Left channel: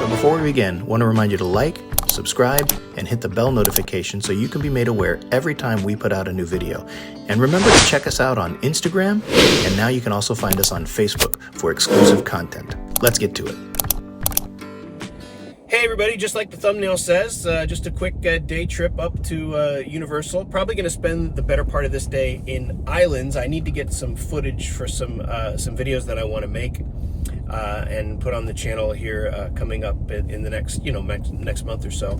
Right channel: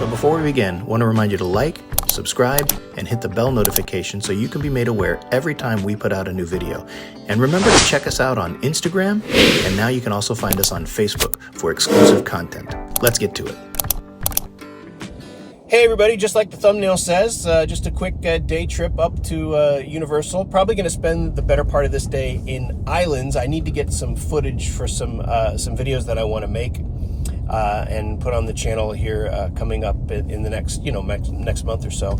So before we begin, I want to remind you to like, subscribe, and hit the bell notification so you can be made aware every time we put out a new video. And remember to check us out on Instagram, and now you can also find us on Facebook for exclusive content. Let's get to it. Hey everybody, just like the thumbnail says, just a quick day trip up to Universal. Probably going to spend the better part of this day in Islands. I need to get some footage for some videos that I want to make and put on the channel here coming up in the next next month or so.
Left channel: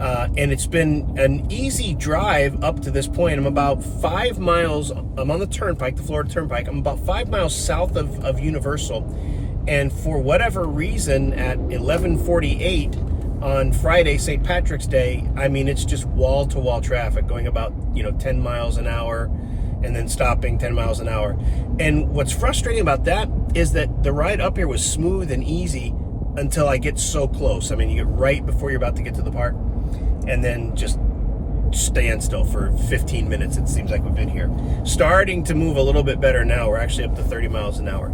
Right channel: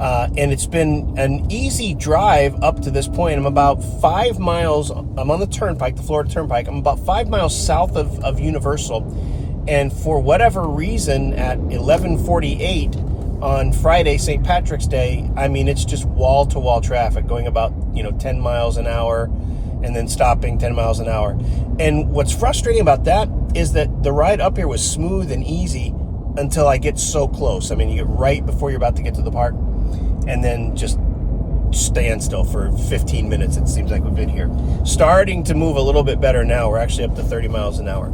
And it's been an easy drive up to this point. I'm about 5 miles. I'm on the turnpike, the Florida Turnpike. I'm about 5 miles south of Universal. And for whatever reason, at 11:48 on Friday, St. Patrick's Day, I mean, it's just wall-to-wall traffic going about 10 miles an hour and then stopping 10 miles an hour. And what's frustrating about that is that the ride up here was smooth and easy until I get so close. I mean, you get right before you're about to get to the park and then just stand still for 15 minutes. It seems like we've been here. Starting to move a little bit better now. We're actually up to 30 miles an hour.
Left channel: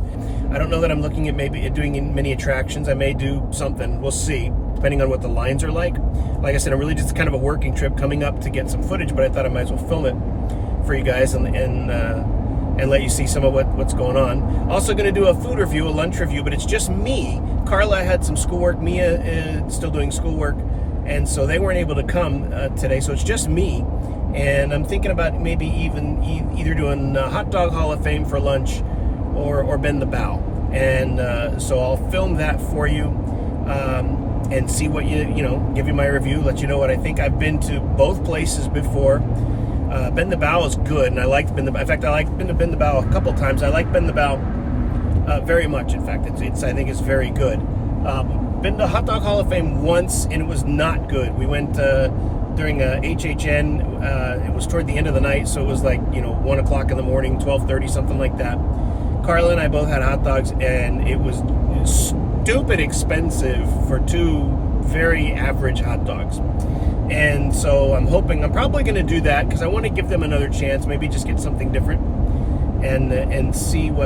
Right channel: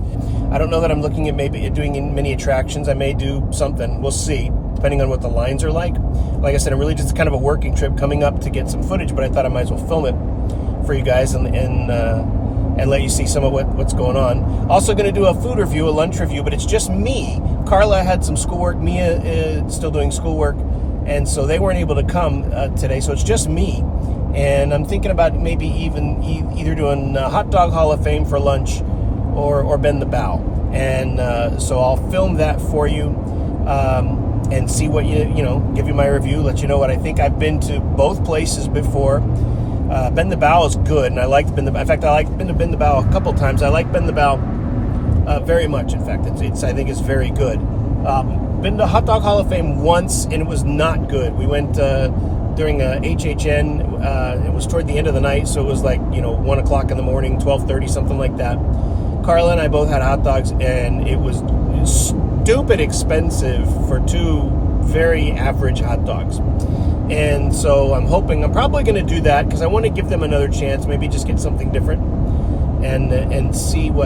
I don't know that I'm looking at maybe doing many attractions. I may do something. We'll see, depending on what the lines are like. Like I said, I'm really just kind of a working trip coming up to get some footage, but I thought I might as well film it for you guys and let you see some of what's going on. Also going to do a food review, a lunch review, but it's just me. Carla had some schoolwork. Mia is still doing schoolwork, and so they weren't able to come today, so it's just me. And I'm thinking about maybe even either doing Hot Dog Hall of Fame for lunch or Bend the Bow. And so I'll film that for you and see what give you my review, let you know what I think. I've been to both places before. Bend the Bow is good, and I liked Bend the Bow. In fact, I liked Bend the Bow a couple times. I like Bend the Bow very much. In fact, I think it's very good. Been to Hot Dog Hall of Fame once, and it was not good. We went during HHN. It was toward the end of the night, so it was like 1 o'clock in the morning, 12:30, something like that. Carla and I both had hot dogs, and it was stupid expensive for two very average hot dogs. And so I'm probably going to do that because I want to give them another chance, maybe just get something different and see give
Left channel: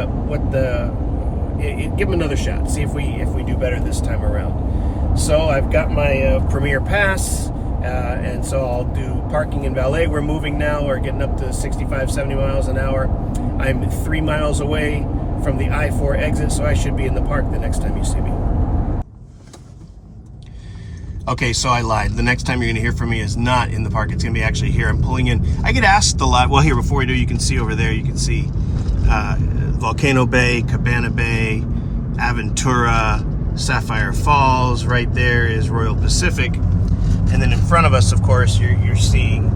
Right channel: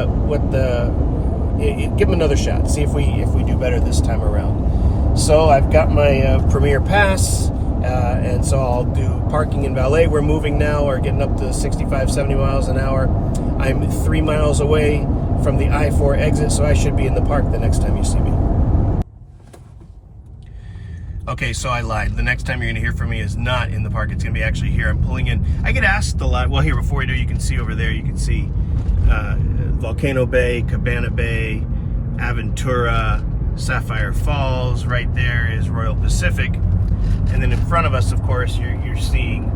them another shot, see if we do better this time around. So I've got my Premier Pass, and so I'll do parking and valet. We're moving now. We're getting up to 65, 70 miles an hour. I'm 3 miles away from the I-4 exit, so I should be in the park the next time you see me. Okay, so I lied. The next time you're going to hear from me is not in the park. It's going to be actually here. I'm pulling in. I get asked a lot. Well, here, before we do, you can see over there, you can see Volcano Bay, Cabana Bay, Aventura, Sapphire Falls. Right there is Royal Pacific. And then in front of us, of course, you're seeing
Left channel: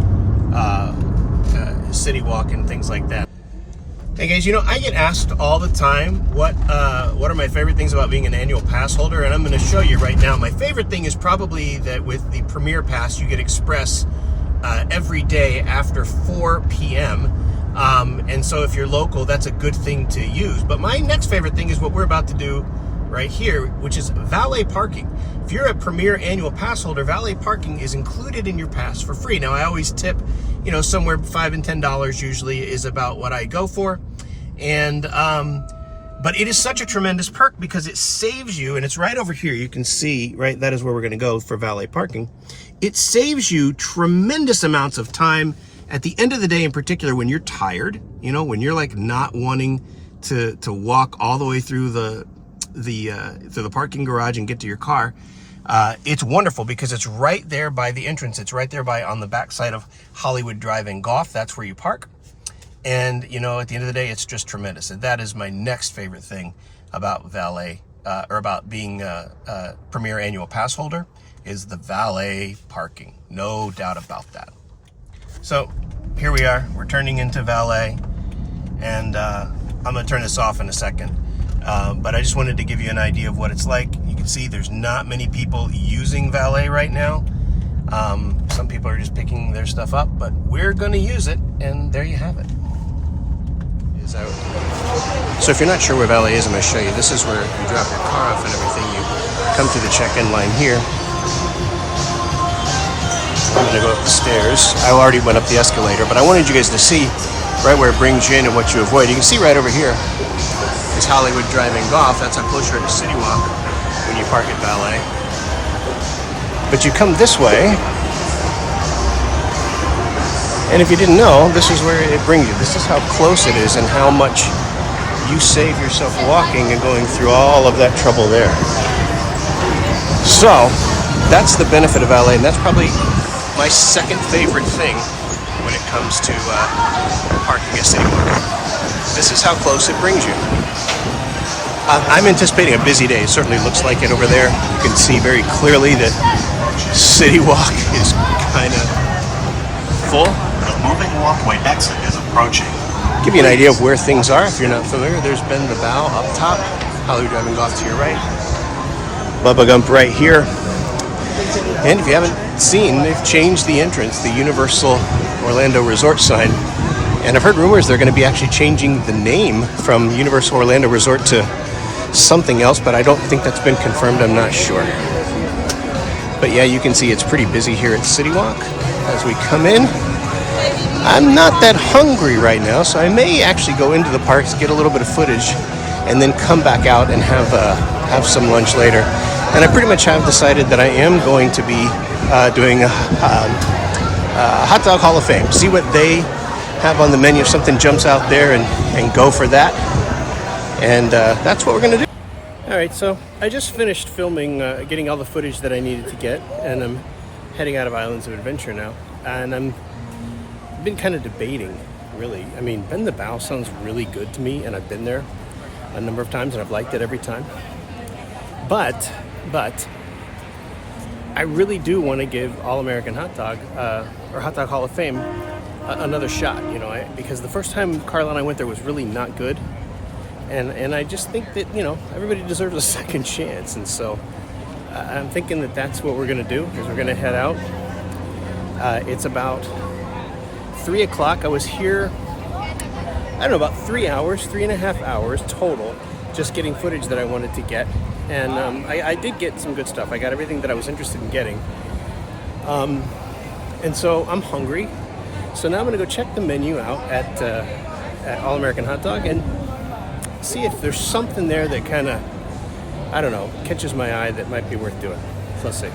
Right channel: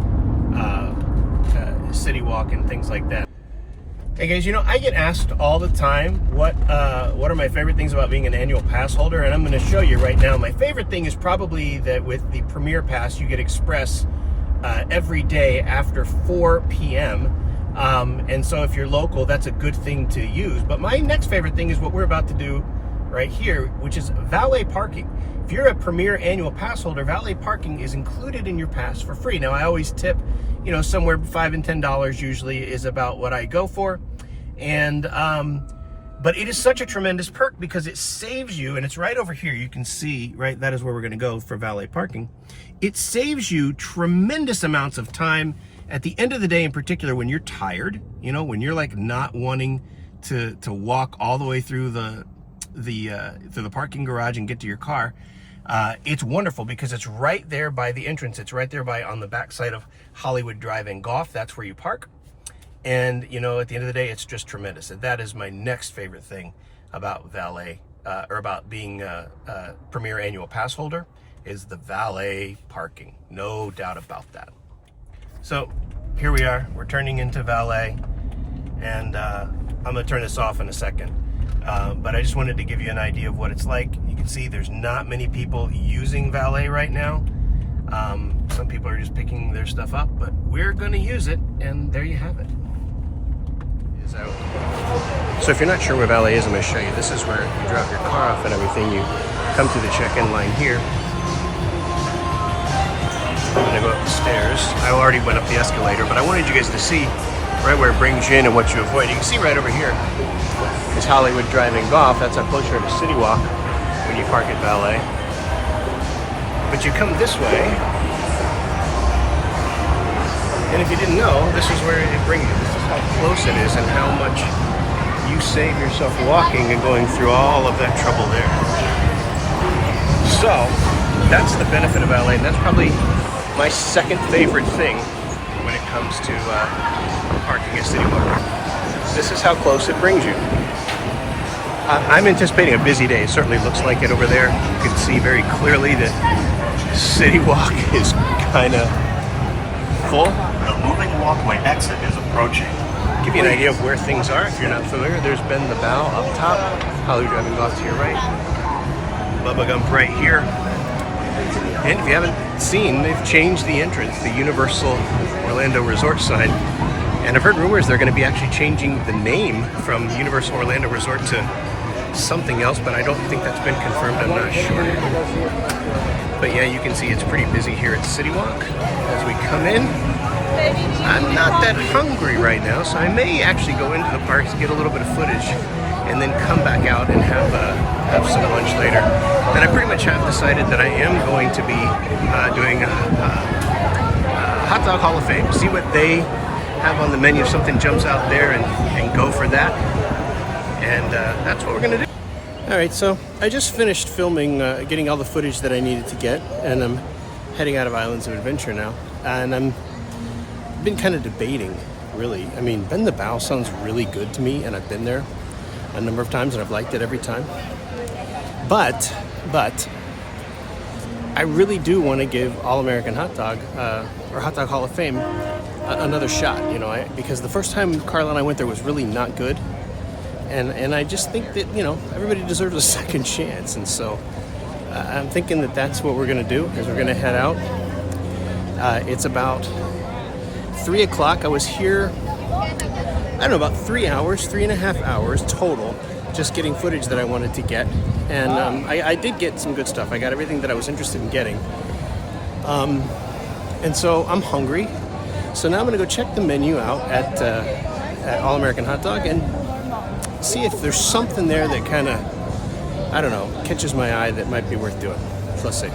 CityWalk and things like that. Hey guys, I get asked all the time what are my favorite things about being an annual pass holder, and I'm going to show you right now. My favorite thing is probably that with the Premier Pass, you get Express every day after 4 p.m. And so if you're local, that's a good thing to use. But my next favorite thing is what we're about to do right here, which is valet parking. If you're a Premier annual pass holder, valet parking is included in your pass for free. Now, I always tip, somewhere $5 and $10 usually is about what I go for. And, but it is such a tremendous perk because it saves you, and it's right over here. You can see, right, that is where we're going to go for valet parking. It saves you tremendous amounts of time at the end of the day, in particular, when you're tired, when you're like not wanting to walk all the way through the parking garage and get to your car. It's wonderful because it's right there by the entrance. It's right there on the backside of Hollywood Drive and Golf. That's where you park. And, at the end of the day, it's just tremendous. And that is my next favorite thing about valet, or about being a Premier annual pass holder, is the valet parking. No doubt about that. So here we are. We're turning into valet. And I'm going to turn this off in a second. But I just wanted to give you an idea of what it's like. You can see there's not many people using valet right now. Some people are just picking their stuff up, but we're going to use it, and there you have it. So if you're not sure where valet is, I'm going to show you. This is where you drop your car off and everything. You come to the check-in line here. I'm going to go up the stairs. I already went up the escalator, but I wanted you guys to see right where it brings you in and what you avoid. You can see right over here is Hollywood Drive and Golf. That's how close you are to CityWalk when you park at valet. But you come this way, and if you didn't know, this is where it brings you. This is how close it is and how much you save yourself walking and going through all of that trouble there. So that's the benefit of LA, and that's probably my second favorite thing when it comes to parking at CityWalk. This is how close it brings you. I'm anticipating a busy day. It certainly looks like it over there. You can see very clearly that CityWalk is kind of full. The moving walkway exit is approaching. Give you an idea of where things are if you're not familiar. There's Bend the Bow up top, Hollywood Driving Golf to your right, Bubba Gump right here. And if you haven't seen, they've changed the entrance, the Universal Orlando Resort sign. And I've heard rumors they're going to be actually changing the name from Universal Orlando Resort to something else, but I don't think that's been confirmed. I'm not sure. But yeah, you can see it's pretty busy here at CityWalk as we come in. I'm not that hungry right now, so I may actually go into the parks, get a little bit of footage, and then come back out and have some lunch later. And I pretty much have decided that I am going to be doing a Hot Dog Hall of Fame. See what they have on the menu. If something jumps out there, and go for that. And that's what we're going to do. All right, so I just finished filming, getting all the footage that I needed to get, and I'm heading out of Islands of Adventure now. And I've been kind of debating, really. I mean, Bend the Bow sounds really good to me, and I've been there a number of times, and I've liked it every time. But I really do want to give All-American Hot Dog, or Hot Dog Hall of Fame, another shot, you know, because the first time Carla and I went there was really not good. And I just think that, you know, everybody deserves a second chance. And so I'm thinking that that's what we're going to do, is we're going to head out. It's about 3 o'clock. I was here, I don't know, about 3 hours, 3.5 hours total, just getting footage that I wanted to get. And I did get some good stuff. I got everything that I was interested in getting. And so I'm hungry. So now I'm going to go check the menu out at All American Hot Dog and see if there's something there that kind of, I don't know, catches my eye that might be worth doing. So let's see.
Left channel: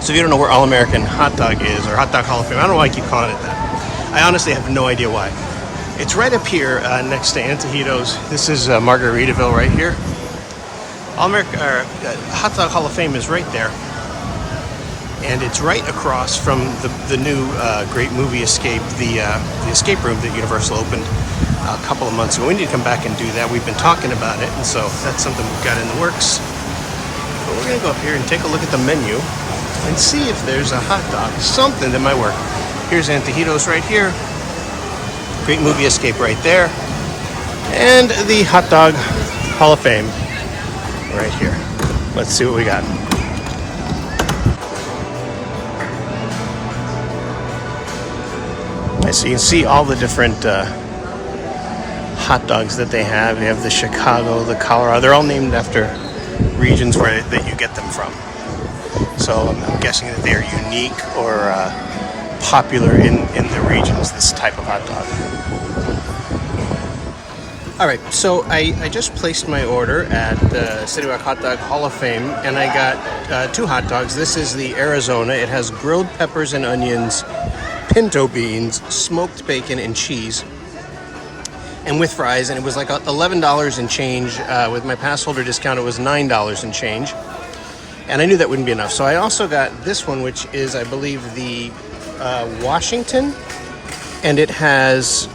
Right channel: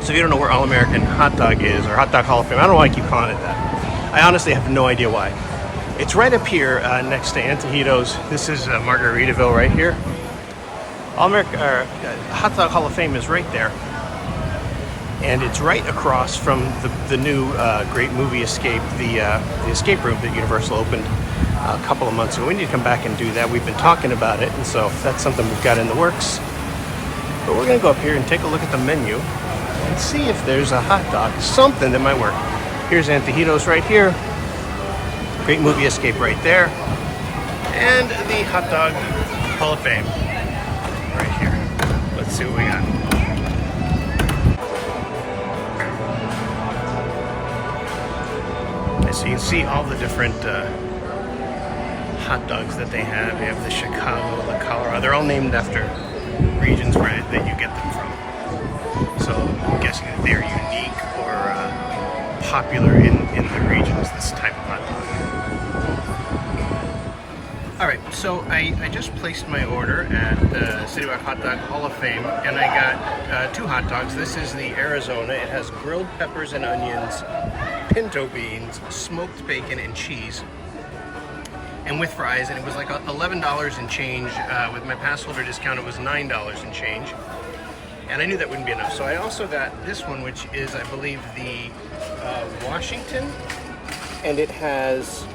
So if you don't know where All American Hot Dog is, or Hot Dog Hall of Fame, I don't know why I keep calling it that. I honestly have no idea why. It's right up here next to Antojitos. This is Margaritaville right here. Hot Dog Hall of Fame is right there. And it's right across from the new great movie Escape, the escape room that Universal opened a couple of months ago. We need to come back and do that. We've been talking about it, and so that's something we've got in the works. But we're going to go up here and take a look at the menu and see if there's a hot dog, something that might work. Here's Antojitos right here. Great movie Escape right there. And the Hot Dog Hall of Fame right here. Let's see what we got. So you can see all the different hot dogs that they have. They have the Chicago, the Colorado. They're all named after regions that you get them from. So I'm guessing that they are unique or popular in the regions, this type of hot dog. All right, so I just placed my order at CityWalk Hot Dog Hall of Fame, and I got 2 hot dogs. This is the Arizona. It has grilled peppers and onions, pinto beans, smoked bacon, and cheese, and with fries. And it was like $11 and change. With my pass holder discount, it was $9 and change. And I knew that wouldn't be enough, so I also got this one, which is, I believe, the Washington, and it has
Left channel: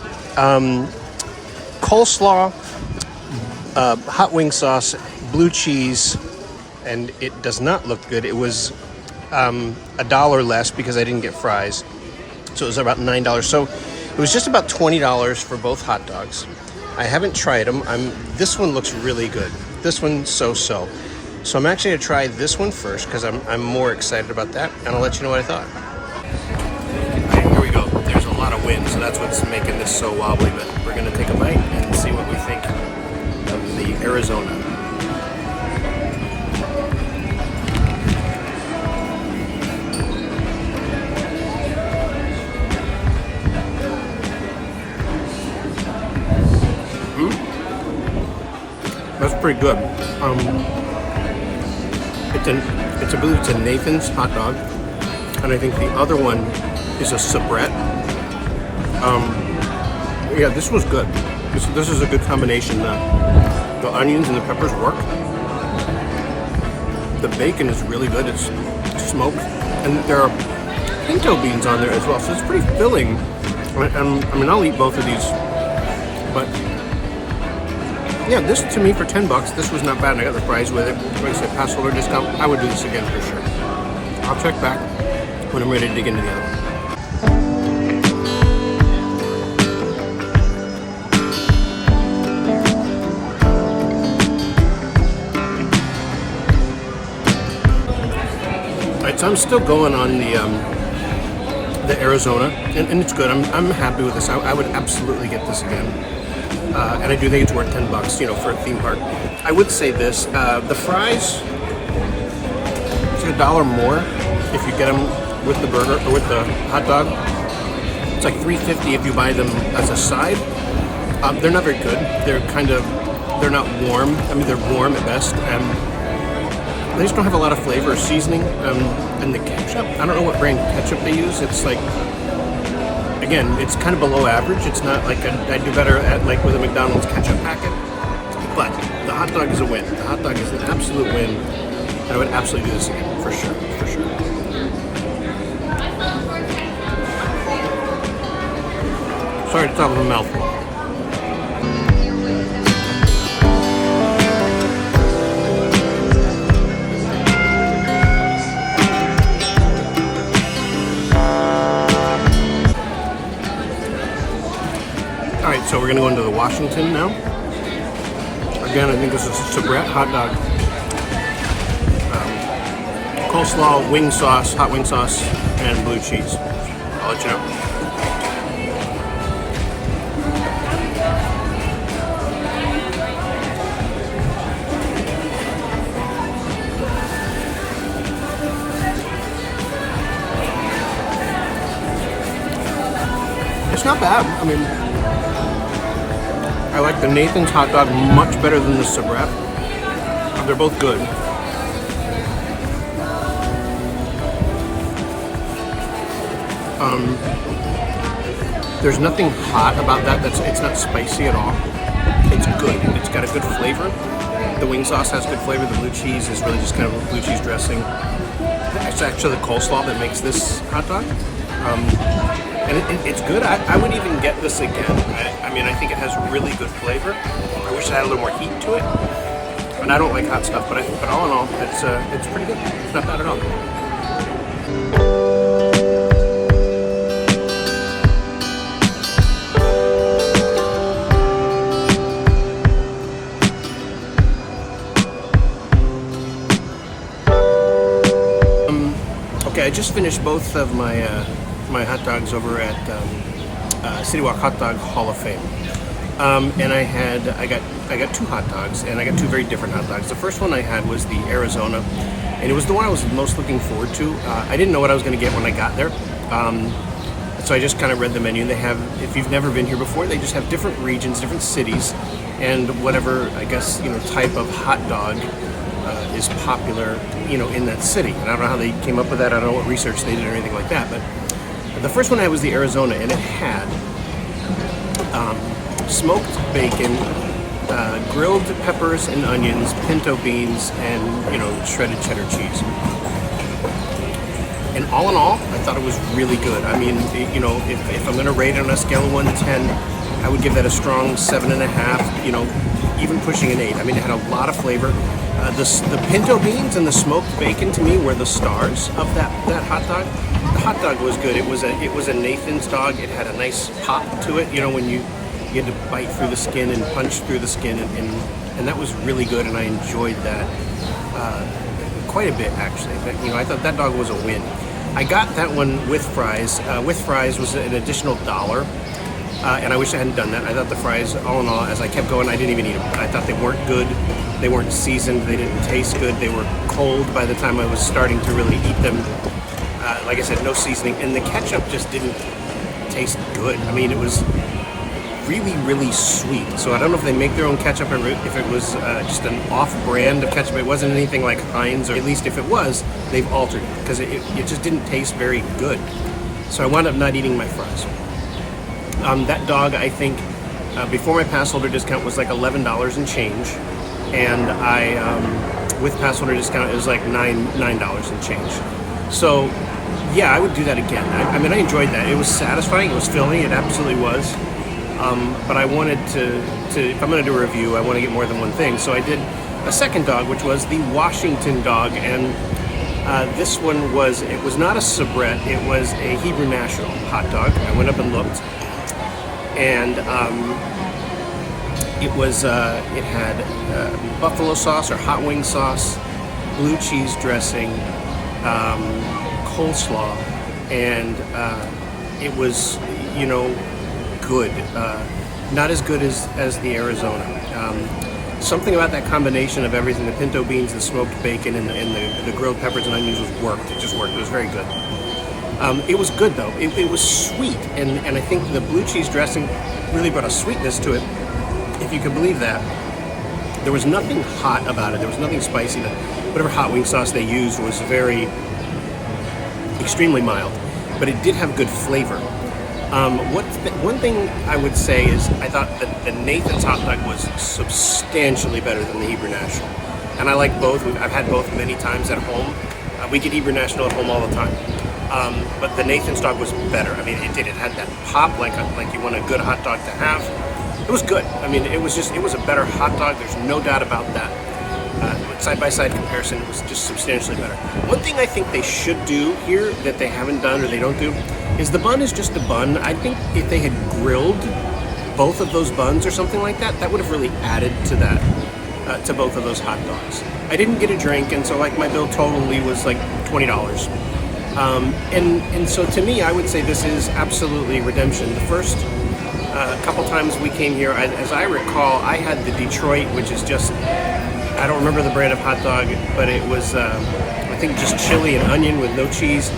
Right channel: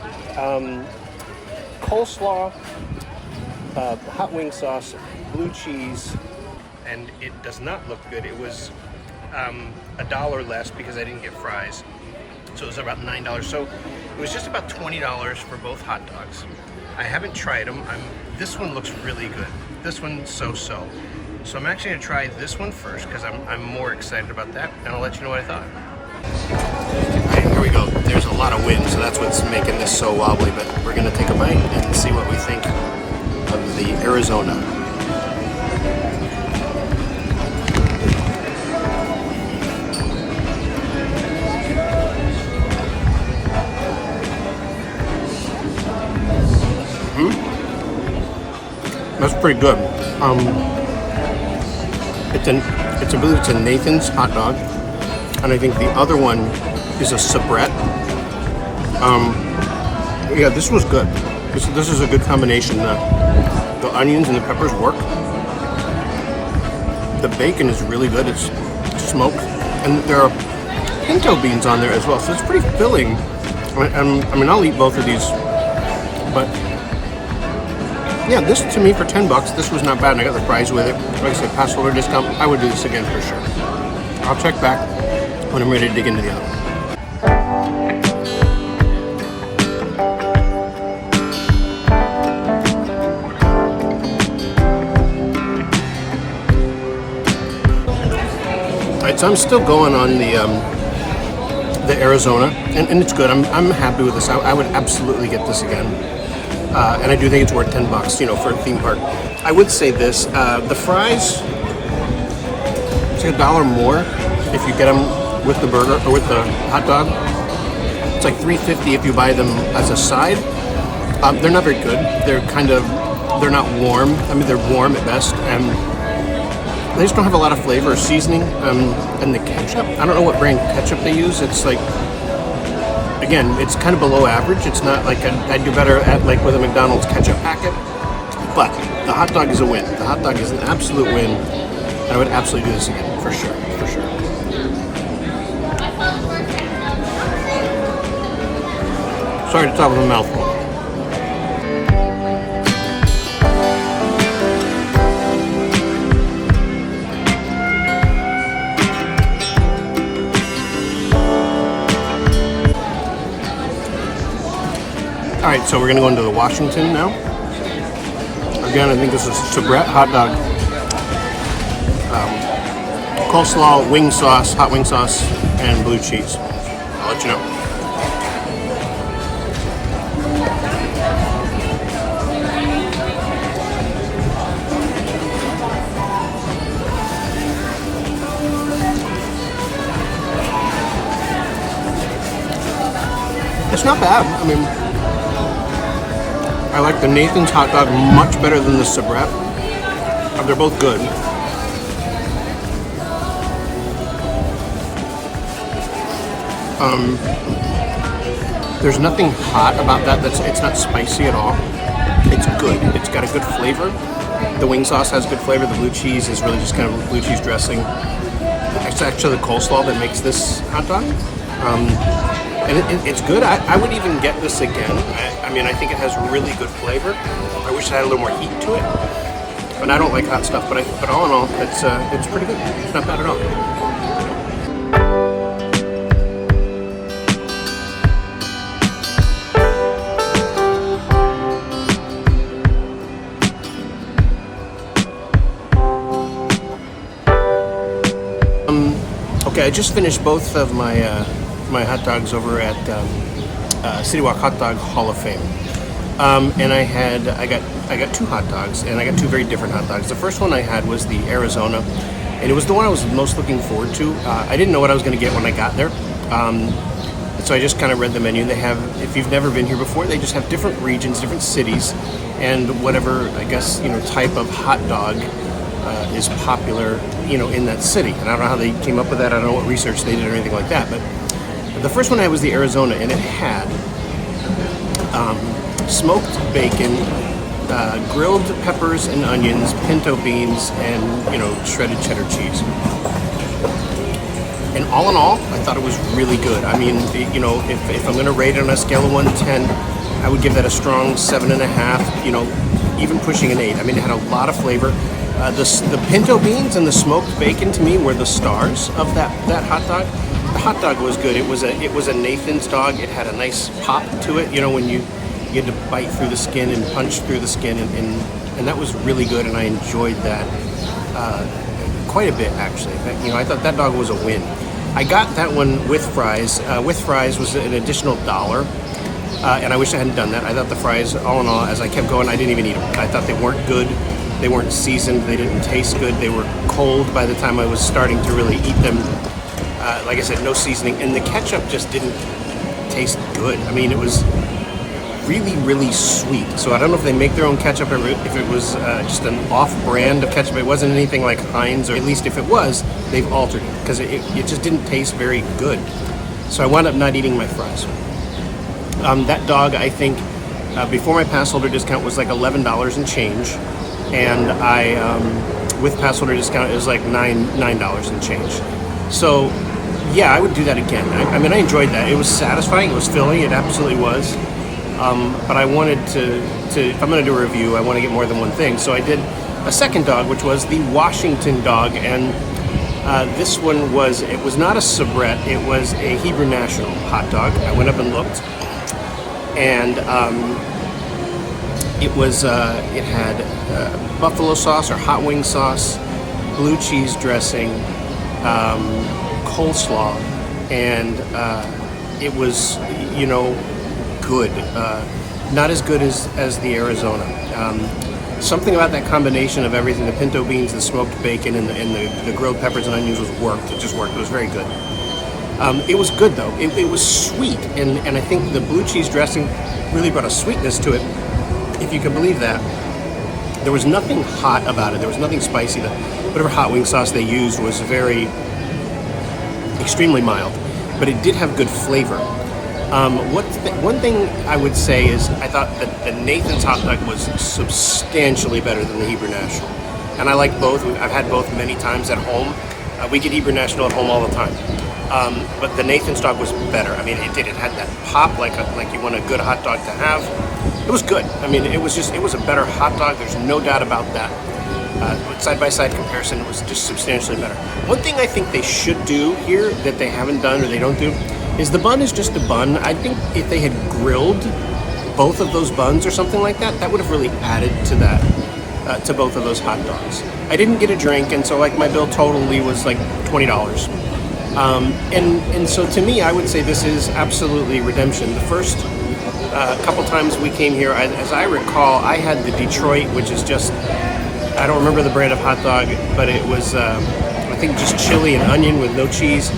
coleslaw, hot wing sauce, blue cheese, and it does not look good. It was $1 less because I didn't get fries, so it was about $9. So it was just about $20 for both hot dogs. I haven't tried them. This one looks really good. This one, so-so. So I'm actually gonna try this one first because I'm more excited about that, and I'll let you know what I thought. All right, here we go. There's a lot of wind, so that's what's making this so wobbly, but we're gonna take a bite and see what we think of the Arizona. That's pretty good. I believe it's a Nathan's hot dog. and I think the other one is a soubrette. Yeah, this was good. This is a good combination. The onions and the peppers work. The bacon is really good. It's smoked, and there are pinto beans on there as well, so it's pretty filling. I mean, I'll eat both of these, but yeah, this to me for $10, this was not bad, and I got the fries with it. Like I said, pass holder discount. I would do this again for sure. I'll check back when I'm ready to dig into the other one. Alright, so I'm still going on the Arizona, and it's good. I'm happy with this. I would absolutely get this again, and I do think it's worth $10, you know, for a theme park. I would say this: the fries, it's like $1 more if you get them with the burger or with the hot dog. It's like $3.50 if you buy them as a side. They're not very good. They're not warm. I mean, they're warm at best, and they just don't have a lot of flavor or seasoning. And the ketchup, I don't know what brand ketchup they use. It's like, again, it's kind of below average. It's not like I'd do better at like with a McDonald's ketchup packet. But the hot dog is a win. The hot dog is an absolute win. I would absolutely do this again, for sure, for sure. Sorry to talk with a mouthful. All right, so we're gonna go into the Washington now. Again, I think this is soubrette hot dog, coleslaw, wing sauce, hot wing sauce, and blue cheese. I'll let you know. It's not bad. I mean, I like the Nathan's hot dog much better than the soubrette. They're both good. There's nothing hot about that. It's not spicy at all. It's good. It's got a good flavor. The wing sauce has good flavor. The blue cheese is really just kind of a blue cheese dressing. It's actually the coleslaw that makes this hot dog. And it's good. I would even get this again. I mean, I think it has really good flavor. I wish it had a little more heat to it. But I don't like hot stuff. But all in all, it's pretty good. It's not bad at all. Okay, I just finished both of my my hot dogs over at CityWalk Hot Dog Hall of Fame, and I got two hot dogs, and I got two very different hot dogs. The first one I had was the Arizona, and it was the one I was most looking forward to. I didn't know what I was going to get when I got there, so I just kind of read the menu. They have, if you've never been here before, they just have different regions, different cities, and whatever, I guess, you know, type of hot dog is popular, you know, in that city. And I don't know how they came up with that. I don't know what research they did or anything like that. But the first one I had was the Arizona, and it had smoked bacon, grilled peppers and onions, pinto beans, and, you know, shredded cheddar cheese. And all in all, I thought it was really good. I mean, you know, if I'm going to rate it on a scale of 1 to 10, I would give that a strong 7.5, you know, even pushing an 8. I mean, it had a lot of flavor. The pinto beans and the smoked bacon to me were the stars of that hot dog. The hot dog was good. It was a Nathan's dog. It had a nice pop to it. You know, when you had to bite through the skin and punch through the skin, and that was really good. And I enjoyed that quite a bit, actually. You know, I thought that dog was a win. I got that one with fries. With fries was an additional $1. And I wish I hadn't done that. I thought the fries, all in all, as I kept going, I didn't even eat them. I thought they weren't good. They weren't seasoned. They didn't taste good. They were cold by the time I was starting to really eat them. Like I said, no seasoning. And the ketchup just didn't taste good. I mean, it was really, really sweet. So I don't know if they make their own ketchup or if it was just an off-brand of ketchup. It wasn't anything like Heinz, or at least if it was, they've altered it because it just didn't taste very good. So I wound up not eating my fries. That dog, I think, before my pass holder discount was like $11 and change, and with pass holder discount it was like $9 and change. So yeah, I would do that again. I mean, I enjoyed that. It was satisfying. It was filling. It absolutely was. But I wanted to, if I'm going to do a review, I want to get more than one thing. So I did a second dog, which was the Washington dog, and this one was not a soubrette. It was a Hebrew National hot dog. I went up and looked, and it had buffalo sauce or hot wing sauce, blue cheese dressing, coleslaw, and it was, good. Not as good as the Arizona. Something about that combination of everything, the pinto beans, the smoked bacon, and the grilled peppers and onions worked. It just worked. It was very good. It was good, though. It was sweet, and I think the blue cheese dressing really brought a sweetness to it, if you can believe that. There was nothing hot about it. There was nothing spicy. Whatever hot wing sauce they used was extremely mild, but it did have good flavor. One thing I would say is I thought that the Nathan's hot dog was substantially better than the Hebrew National, and I like both. I've had both many times at home. We get Hebrew National at home all the time, but the Nathan's dog was better. I mean, it had that pop like you want a good hot dog to have. It was good. I mean, it was a better hot dog. There's no doubt about that. Side-by-side comparison, it was just substantially better. One thing I think they should do here that they haven't done or they don't do is the bun is just a bun. I think if they had grilled both of those buns or something like that, that would have really added to that, to both of those hot dogs. I didn't get a drink, and so like my bill totally was like $20. And so to me, I would say this is absolutely redemption. The first couple times we came here, as I recall, I had the Detroit, which is just, I don't remember the brand of hot dog, but it was, I think, just chili and onion with no cheese.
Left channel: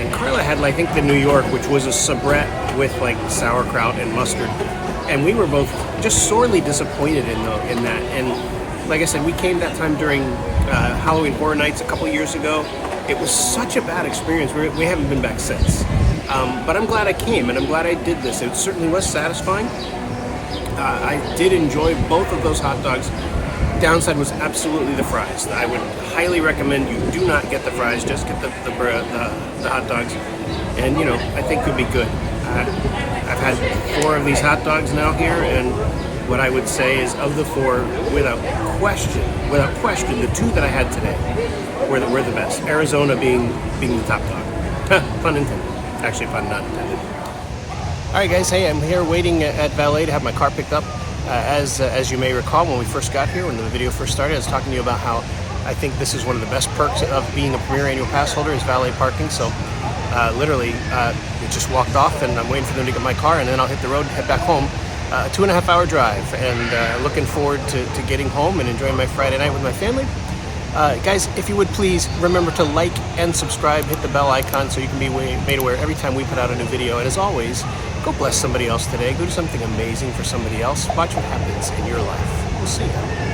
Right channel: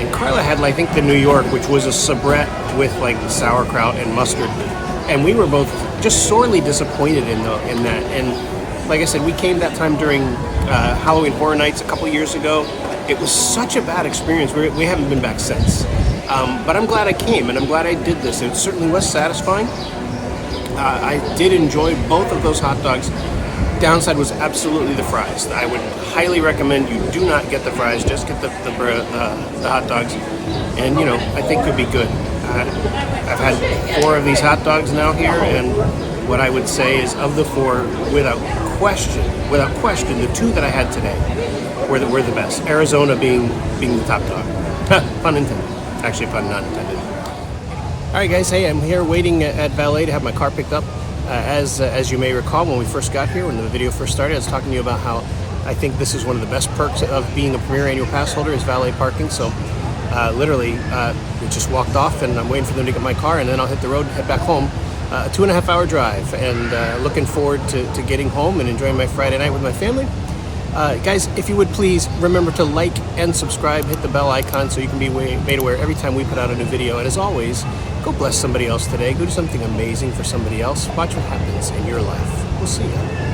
And Carla had, I think, the New York, which was a soubrette with like sauerkraut and mustard. And we were both just sorely disappointed in that. And like I said, we came that time during Halloween Horror Nights a couple years ago. It was such a bad experience. We haven't been back since. But I'm glad I came, and I'm glad I did this. It certainly was satisfying. I did enjoy both of those hot dogs. Downside was absolutely the fries. I would highly recommend you do not get the fries, just get the hot dogs, and I think you'll be good. I've had 4 of these hot dogs now here, and what I would say is, of the 4, without question, the 2 that I had today were the best. Arizona being the top dog. Pun intended. Actually, pun not intended. All right, guys. Hey, I'm here waiting at valet to have my car picked up. As you may recall, when we first got here, when the video first started, I was talking to you about how I think this is one of the best perks of being a Premier Annual Pass holder is valet parking. So literally, it just walked off, and I'm waiting for them to get my car, and then I'll hit the road and head back home. A 2.5-hour drive, and looking forward to getting home and enjoying my Friday night with my family. Guys, if you would please remember to like and subscribe, hit the bell icon so you can be made aware every time we put out a new video. And as always, go bless somebody else today. Go do something amazing for somebody else. Watch what happens in your life. We'll see you.